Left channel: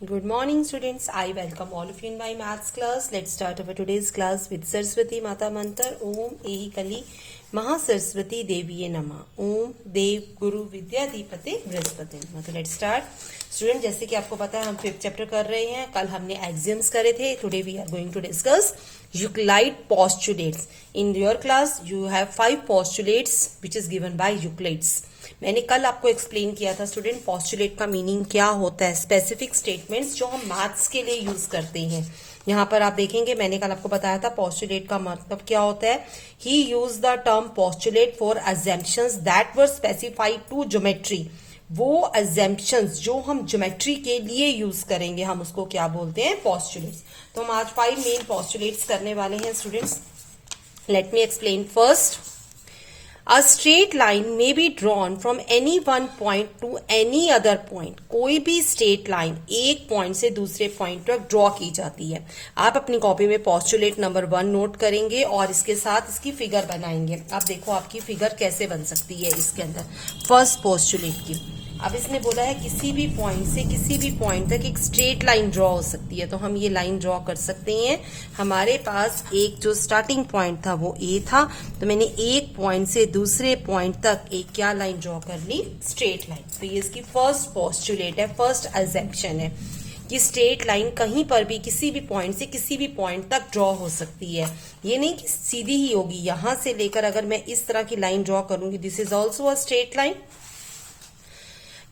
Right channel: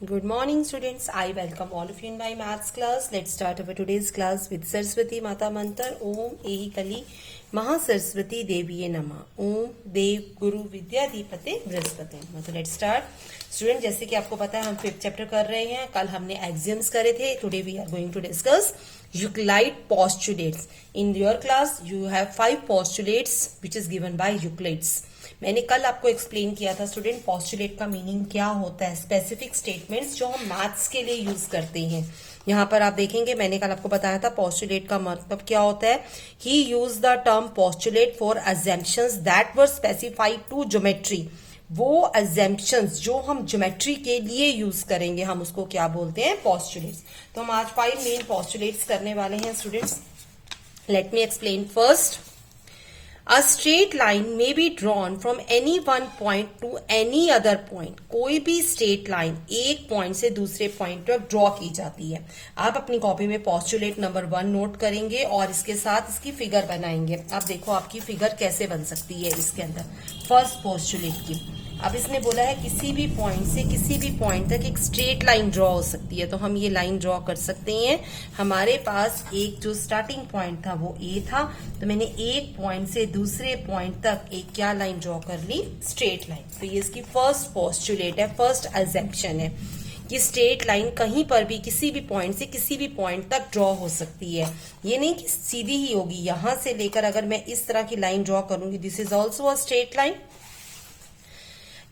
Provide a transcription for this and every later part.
Good morning, students. I welcome all of you in my maths class. Let's start our today's class with Saraswati Mata Mantra. Om Ehi Kali Maha Saraswati Deviye Namah. Om Dev Guru Vidya Dipate Brihaspati Namah. तो let's start. Student, जैसे कि आपको पता है हम 5th chapter कर रहे हैं. कल हमने एक्सियम्स करे थे. Today we are going to discuss Euclid postulates. In your class you have 5 postulates which is given by Euclid's. मैंने कल आपको एक्सप्लेन किया था स्टूडेंट पोस्टुलेट का मीनिंग क्या होता है, स्पेसिफिक स्टेटमेंट्स जो हम मैथ्स के लिए यूज करते हैं. यहाँ पर आप देखेंगे मैंने कल आपको बताया था पोस्टुलेट का मतलब क्या होता है. He use the term postulate for assumptions that were specified to geometry. वो अजम्पशंस जो हम ज्योमेट्री के लिए यूज करेंगे हम उसको क्या बोलते हैं, पोस्टुलेट्स. तो हम आज 5 मेन पोस्टुलेट्स करने वाले हैं students. Let me explain first. A straight line may be drawn from any one point to any other point. कोई भी स्ट्रेट लाइन एक पॉइंट से दूसरे पॉइंट तक ड्रॉ की जाती है. आप अपनी कॉपी में पोस्टुलेट नंबर 1 नोट करेंगे और इसके साथ इसकी फिगर बनाएंगे. अब देखो आपकी फिगर कैसे बन सकती है इसके अंदर फर्स्ट पोस्टुलेट की. अब इसने बोला है किसी भी पॉइंट से किसी भी पॉइंट तक एक स्ट्रेट लाइन ड्रॉ हो सकती है. तो हम ये लाइन ड्रॉ कर सकते हैं. हमारे पास एक जो स्टार्टिंग पॉइंट था वो ए था, तो मैंने एक पॉइंट से दूसरे पॉइंट तक एक क्या लाइन ड्रॉ कर ली, स्ट्रेट लाइन. तो ये इसकी फर्स्ट पोस्टुलेट है, फर्स्ट अजम्पशन है कि स्ट्रेट लाइन कहीं पर भी किसी भी पॉइंट से किसी भी पॉइंट तक ड्रॉ हो सकती है. ये नहीं कि सीधी ही होगी. यहां से लेकर अगर मैं इस तरह की लाइन ड्रॉ करूंगी, this is also a straight line.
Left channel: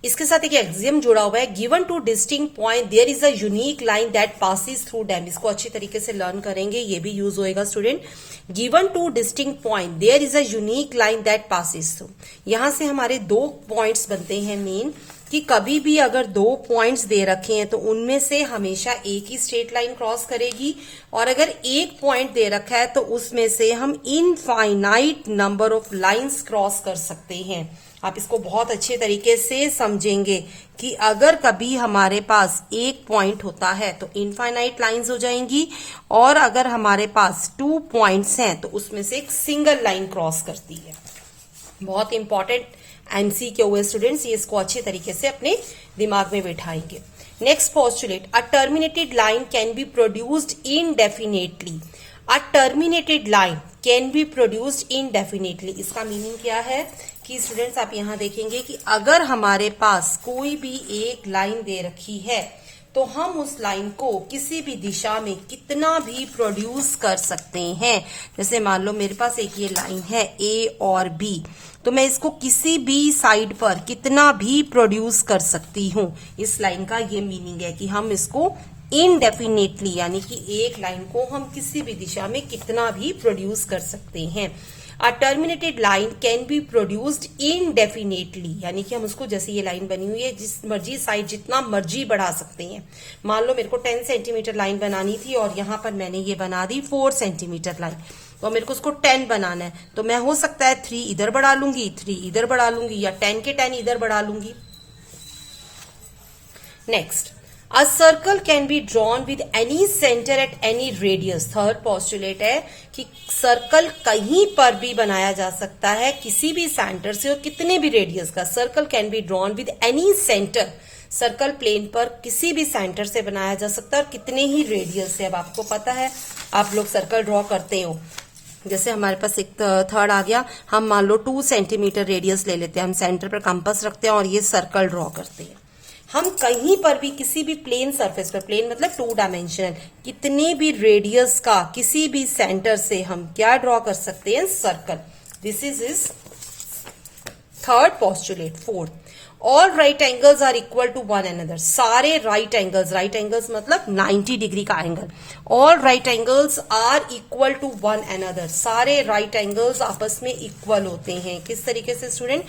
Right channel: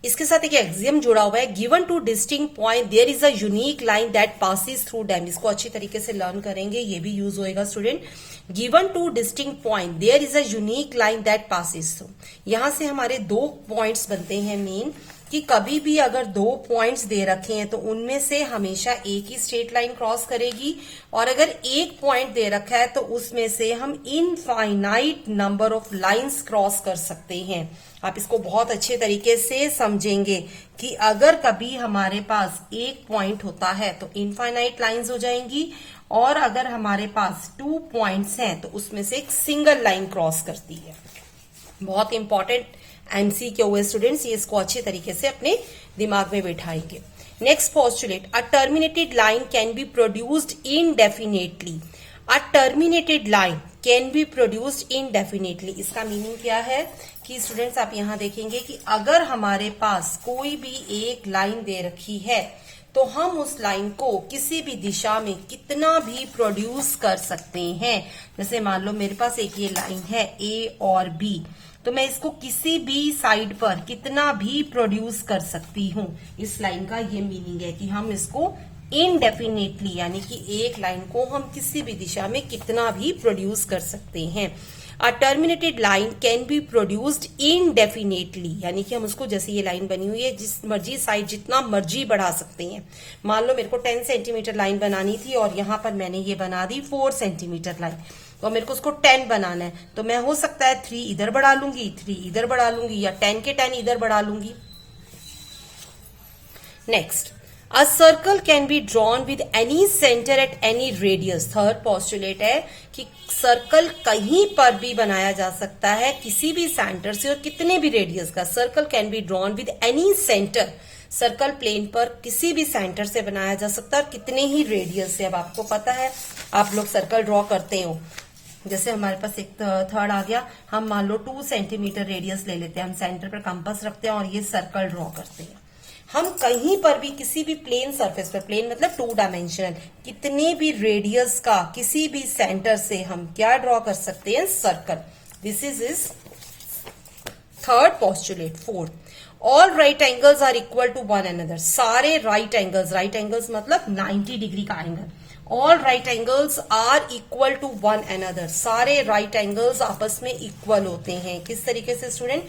इसके साथ एक एक्सियम जुड़ा हुआ है, given two distinct point there is a unique line that passes through them. इसको अच्छी तरीके से लर्न करेंगे, ये भी यूज होएगा student. Given two distinct point there is a unique line that passes through. यहां से हमारे 2 पॉइंट्स बनते हैं मेन, कि कभी भी अगर 2 पॉइंट्स दे रखे हैं तो उनमें से हमेशा एक ही स्ट्रेट लाइन क्रॉस करेगी, और अगर एक पॉइंट दे रखा है तो उसमें से हम infinite number of lines cross कर सकते हैं. आप इसको बहुत अच्छे तरीके से समझेंगे कि अगर कभी हमारे पास एक पॉइंट होता है तो इनफाइनाइट लाइंस हो जाएंगी, और अगर हमारे पास 2 पॉइंट्स हैं तो उसमें से एक सिंगल लाइन क्रॉस करती है. बहुत इंपॉर्टेंट एमसीक्यू है स्टूडेंट्स, ये इसको अच्छे तरीके से अपने दिमाग में बिठाएंगे. Next postulate, a terminated line can be produced indefinitely. A terminated line can be produced indefinitely. इसका मीनिंग क्या है कि स्टूडेंट्स आप यहां देखेंगे कि अगर हमारे पास कोई भी एक लाइन दे रखी है तो हम उस लाइन को किसी भी दिशा में कितना भी प्रोड्यूस कर सकते हैं. जैसे मान लो मेरे पास एक ये लाइन है ए और बी, तो मैं इसको किसी भी साइड पर कितना भी प्रोड्यूस कर सकती हूं. इस लाइन का ये मीनिंग है कि हम इसको इनडेफिनेटली यानी कि एक लाइन को हम किसी भी दिशा में कितना भी प्रोड्यूस कर सकते हैं. A terminated line can be produced indefinitely, यानी कि हम उसको, जैसे ये लाइन बनी हुई है, जिस मर्जी साइड जितना मर्जी बढ़ा सकते हैं. मान लो मेरे को 10 सेंटीमीटर लाइन बनानी थी और यहां पर मैंने ये बना दी 4 सेंटीमीटर लाइन, तो मेरे को उसको 10 बनाना है. तो मैं हो सकता है 3 इधर बढ़ा लूंगी, 3 इधर बढ़ा लूंगी, या 10 के 10 इधर बढ़ा लूंगी. Next, A circle can be drawn with any center at any radius. Third postulate है कि सर्कल कहीं पर भी बनाया जा सकता है किसी भी सेंटर से और कितने भी रेडियस का. Circle can be drawn with any centre. Circle plane पर किसी भी सेंटर से बनाया जा सकता है और कितने ही रेडियस से. अब आपको पता है आप लोग सर्कल ड्रॉ करते हो, जैसे हमारे पास एक थर्ड आ गया, हम मान लो 2 सेंटीमीटर रेडियस ले लेते हैं, हम सेंटर पर कंपास रखते हैं और ये सर्कल ड्रॉ करते हैं. हम कहीं पर भी किसी भी प्लेन सरफेस पर, प्लेन मतलब 2 डायमेंशनल, कितने भी रेडियस का किसी भी सेंटर से हम क्या ड्रॉ कर सकते हैं, circle. This is third postulate. Fourth, all right angles are equal to one another. सारे राइट एंगल्स मतलब 90 डिग्री का angle. All right angles are equal to one another. सारे राइट एंगल्स आपस में इक्वल होते हैं. किस तरीके से स्टूडेंट,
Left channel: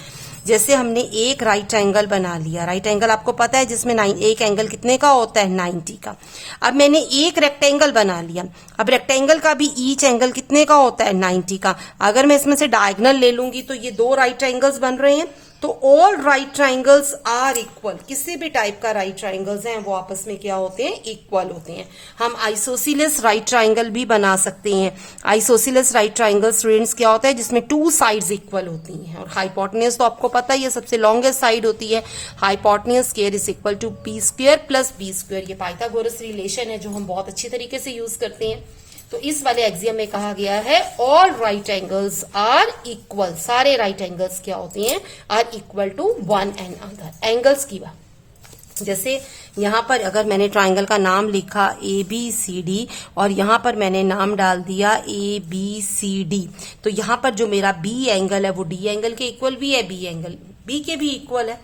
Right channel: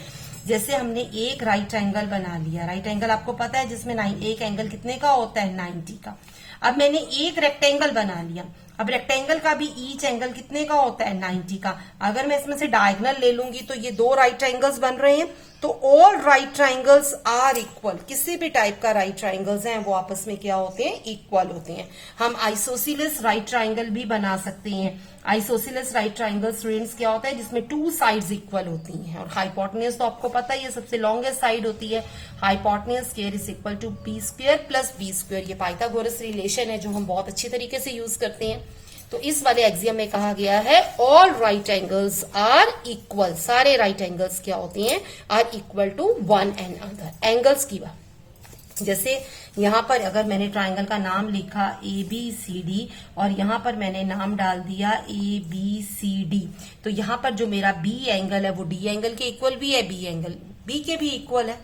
जैसे हमने एक राइट एंगल बना लिया. राइट एंगल आपको पता है जिसमें एक एंगल कितने का होता है, 90 का. अब मैंने एक रेक्टेंगल बना लिया. अब रेक्टेंगल का भी ईच एंगल कितने का होता है, 90 का. अगर मैं इसमें से डायगोनल ले लूंगी तो ये 2 राइट एंगल्स बन रहे हैं. तो all right triangles are equal, किसी भी टाइप का राइट ट्राइंगल्स हैं वो आपस में क्या होते हैं, इक्वल होते हैं। हम आइसोसीलेस राइट ट्राइंगल भी बना सकते हैं। आइसोसीलेस राइट ट्राइंगल स्टूडेंट्स क्या होता है, जिसमें टू साइड्स इक्वल होती हैं। और हाइपोटेन्यूज तो आपको पता ही है सबसे लॉन्गेस्ट साइड होती है। Hypotenuse square is equal to b square plus b square. ये पाइथागोरस रिलेशन है जो हम बहुत अच्छी तरीके से यूज करते हैं। तो इस वाले एक्सियम में कहा गया है all right angles are equal, सारे राइट एंगल्स क्या होते हैं, are equal to one and other. Angles की बात, जैसे यहां पर अगर मैंने ट्राइंगल का नाम लिखा ए बी सी डी और यहां पर मैंने नाम डाल दिया ए बी सी डी, तो यहां पर जो मेरा बी एंगल है वो डी एंगल के इक्वल भी है, बी एंगल बी के भी इक्वल है।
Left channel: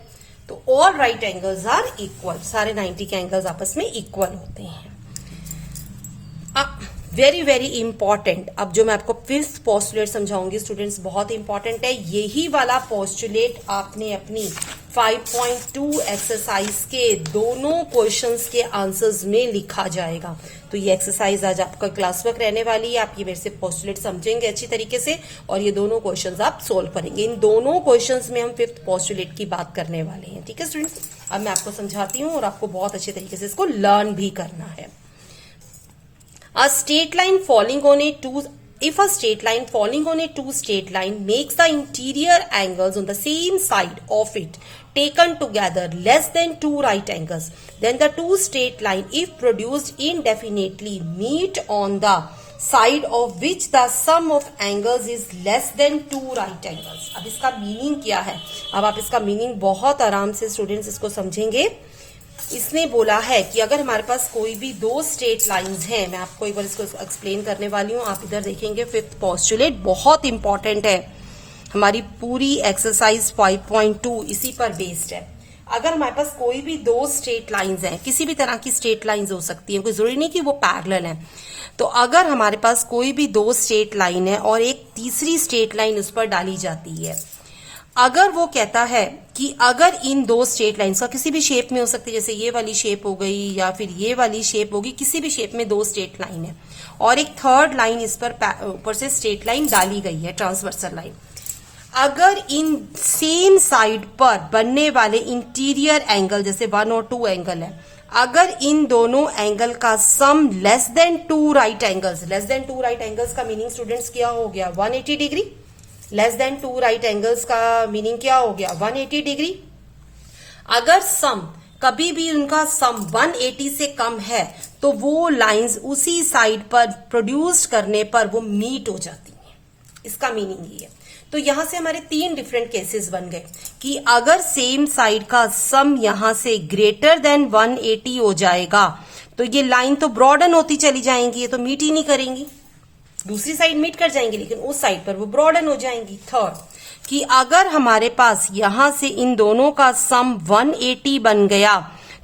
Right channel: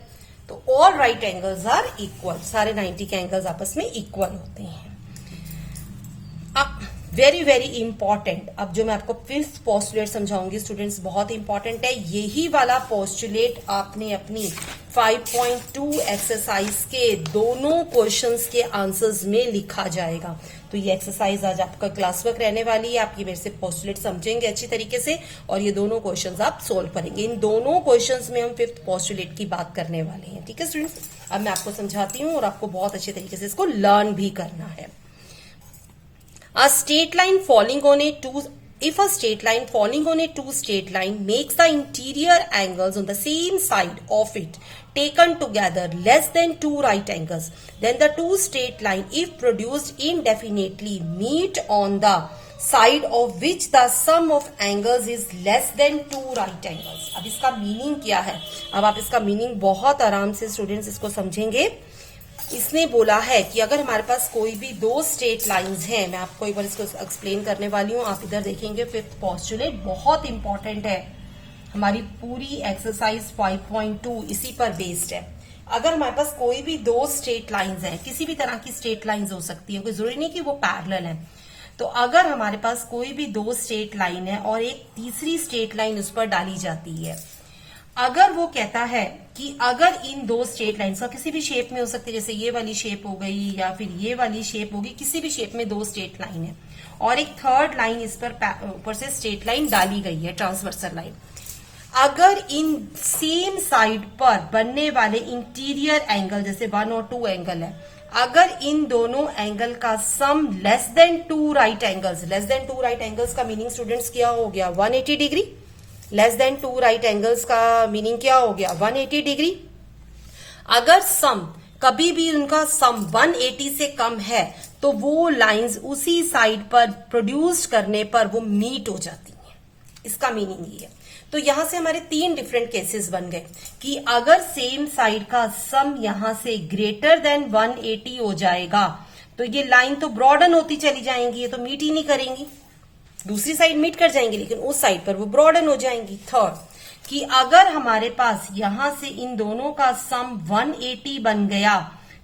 तो all right angles are equal, सारे 90 के एंगल्स आपस में इक्वल होते हैं। वेरी वेरी इंपॉर्टेंट, अब जो मैं आपको फिफ्थ पोस्टुलेट समझाऊंगी स्टूडेंट्स, बहुत इंपॉर्टेंट है। यही वाला पोस्टुलेट आपने अपनी 5.2 एक्सरसाइज के दोनों क्वेश्चंस के आंसर्स में लिखा जाएगा। तो ये एक्सरसाइज आज आपका क्लास वर्क रहने वाली है। आप ये मेरे से पोस्टुलेट समझेंगे अच्छी तरीके से और ये दोनों क्वेश्चंस आप सोल्व करेंगे। इन दोनों क्वेश्चंस में हम फिफ्थ पोस्टुलेट की बात करने वाले हैं। ठीक है स्टूडेंट्स, अब मैं आपको समझाती हूँ और आपको बहुत अच्छे तरीके से इसको लर्न भी करना है। A straight line falling on a two, if a straight line falling on a two straight line makes the interior angles on the same side of it taken together less than two right angles, then the two straight line, if produced indefinitely, meet on the side of which the sum of angles is less than two right angles. अब इसका meaning क्या है, अब आप इसका meaning बहुत आराम से स्टूडेंट्स इसको समझेंगे। इसने बोला है कि अगर हमारे पास कोई भी दो स्ट्रेट लाइंस हैं, मैं आपको एक बार इसको एक्सप्लेन करने वाली हूं, आप इधर देखेंगे फिफ्थ पोस्टुलेट बहुत इंपॉर्टेंट है। हमारी पूरी एक्सरसाइज 5.2 इसी पर बेस्ड है। अगर हमारे पास कोई भी दो स्ट्रेट लाइंस हैं, किसी भी तरह की स्ट्रेट लाइंस हो सकती है, कोई जरूरी नहीं कि वो पैरेलल है। तो अगर हमारे पास कोई भी दो स्ट्रेट लाइन है और एक तीसरी स्ट्रेट लाइन उस पर डाली जाती है, अगर वो कहता है कि अगर इन दो स्ट्रेट लाइन्स का किसी भी शेप में हो सकती है, जैसे ये वाली शेप हो गई या फिर ये वाली शेप होगी, किसी भी शेप में दो स्ट्रेट लाइन है और एक थर्ड लाइन इस पर ऊपर से स्ट्रेट लाइन डाली गई है, ट्रांसवर्सल लाइन। अगर इन सेम साइड पर बनने वाले इंटीरियर एंगल, जैसे 1 और 2 एंगल है, अगर इन दोनों एंगल का sum less than two right angles, less than two right angles का मीनिंग स्टूडेंट्स क्या हो गया, 180 degree. Less than two right angles का मीनिंग क्या हो गया, 180 डिग्री। अगर सम कभी भी उनका सम 180 से कम है तो वो लाइंस उसी साइड पर प्रोड्यूस करने पर वो मीट हो जाती हैं। इसका मीनिंग ये है। तो यहां से हमारे 3 डिफरेंट केसेस बन गए कि अगर सेम साइड का सम यहां से ग्रेटर देन 180 हो जाएगा तो ये लाइन तो ब्रॉडन होती चली जाएंगी, ये तो मीट ही नहीं करेंगी। दूसरी साइड मीट कर जाएंगी लेकिन उस साइड पर वो ब्रॉडन हो जाएंगी। थर्ड, कि अगर हमारे पास यहां से इन दोनों का सम 180 बन गया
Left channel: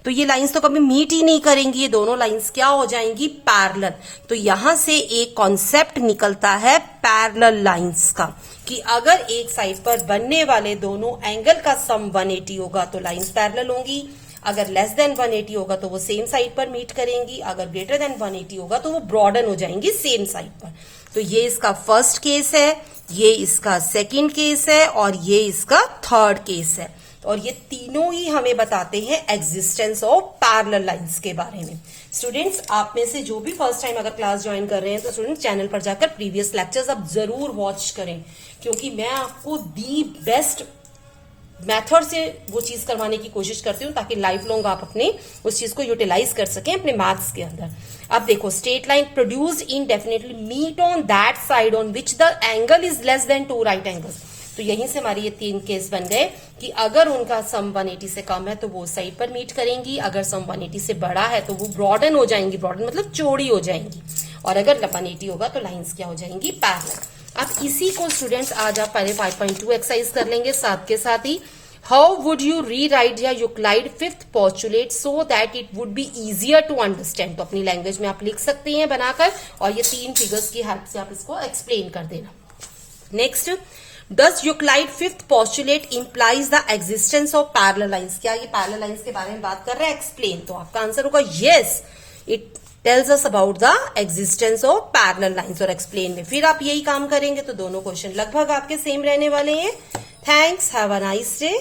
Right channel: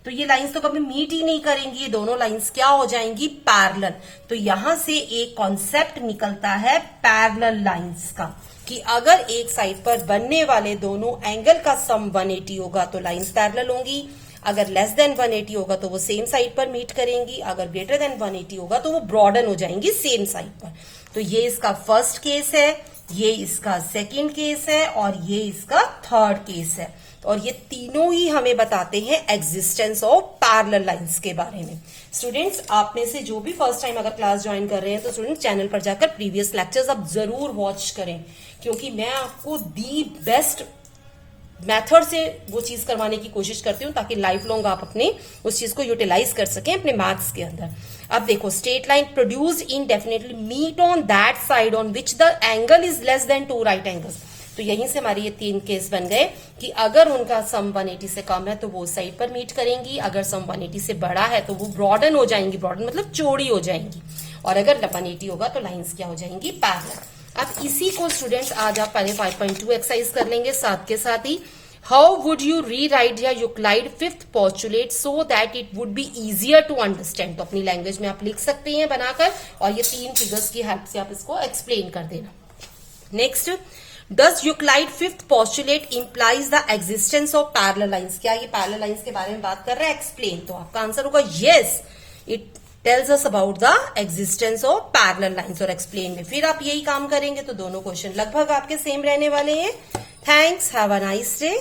तो ये लाइंस तो कभी मीट ही नहीं करेंगी, ये दोनों लाइंस क्या हो जाएंगी, पैरेलल। तो यहां से एक कॉन्सेप्ट निकलता है पैरेलल लाइंस का, कि अगर एक साइड पर बनने वाले दोनों एंगल का सम 180 होगा तो लाइंस पैरेलल होंगी। अगर लेस देन 180 होगा तो वो सेम साइड पर मीट करेंगी। अगर ग्रेटर देन 180 होगा तो वो ब्रॉडन हो जाएंगी सेम साइड पर। तो ये इसका फर्स्ट केस है, ये इसका सेकंड केस है और ये इसका थर्ड केस है। और ये तीनों ही हमें बताते हैं एग्जिस्टेंस ऑफ पैरेलल लाइंस के बारे में। स्टूडेंट्स, आप में से जो भी फर्स्ट टाइम अगर क्लास ज्वाइन कर रहे हैं तो स्टूडेंट्स चैनल पर जाकर प्रीवियस लेक्चर्स आप जरूर वॉच करें, क्योंकि मैं आपको दी बेस्ट मेथड से वो चीज करवाने की कोशिश करती हूँ ताकि लाइफ लॉन्ग आप अपने उस चीज को यूटिलाइज कर सकें अपने मैथ्स के अंदर। अब देखो, straight line produce indefinitely meet on that side on which the angle is less than two right angles. तो यहीं से हमारे ये 3 केस बन गए कि अगर उनका सम 180 से कम है तो वो साइड पर मीट करेंगी, अगर सम 180 से बड़ा है तो वो ब्रॉडन हो जाएंगी, ब्रॉडन मतलब चौड़ी हो जाएंगी, और अगर 180 होगा तो लाइंस क्या हो जाएंगी, पैरेलल। अब इसी को स्टूडेंट्स आज आप पहले 5.2 एक्सरसाइज कर लेंगे, साथ के साथ ही how would you rewrite या Euclid fifth postulate so that it would be easier to understand. तो अपनी लैंग्वेज में आप लिख सकते हैं बनाकर, और ये 3 फिगर्स की हेल्प से आप इसको एक्सप्लेन कर देना। Next, does Euclid fifth postulate implies the existence of parallel lines. क्या ये पैरेलल लाइंस के बारे में बात कर रहे हैं, एक्सप्लेन। तो आपका आंसर होगा yes, it tells us about the existence of parallel lines. और एक्सप्लेन में फिर आप यही काम करेंगे तो दोनों क्वेश्चन लगभग आपके सेम रहने वाले हैं। Thanks. Have a nice day.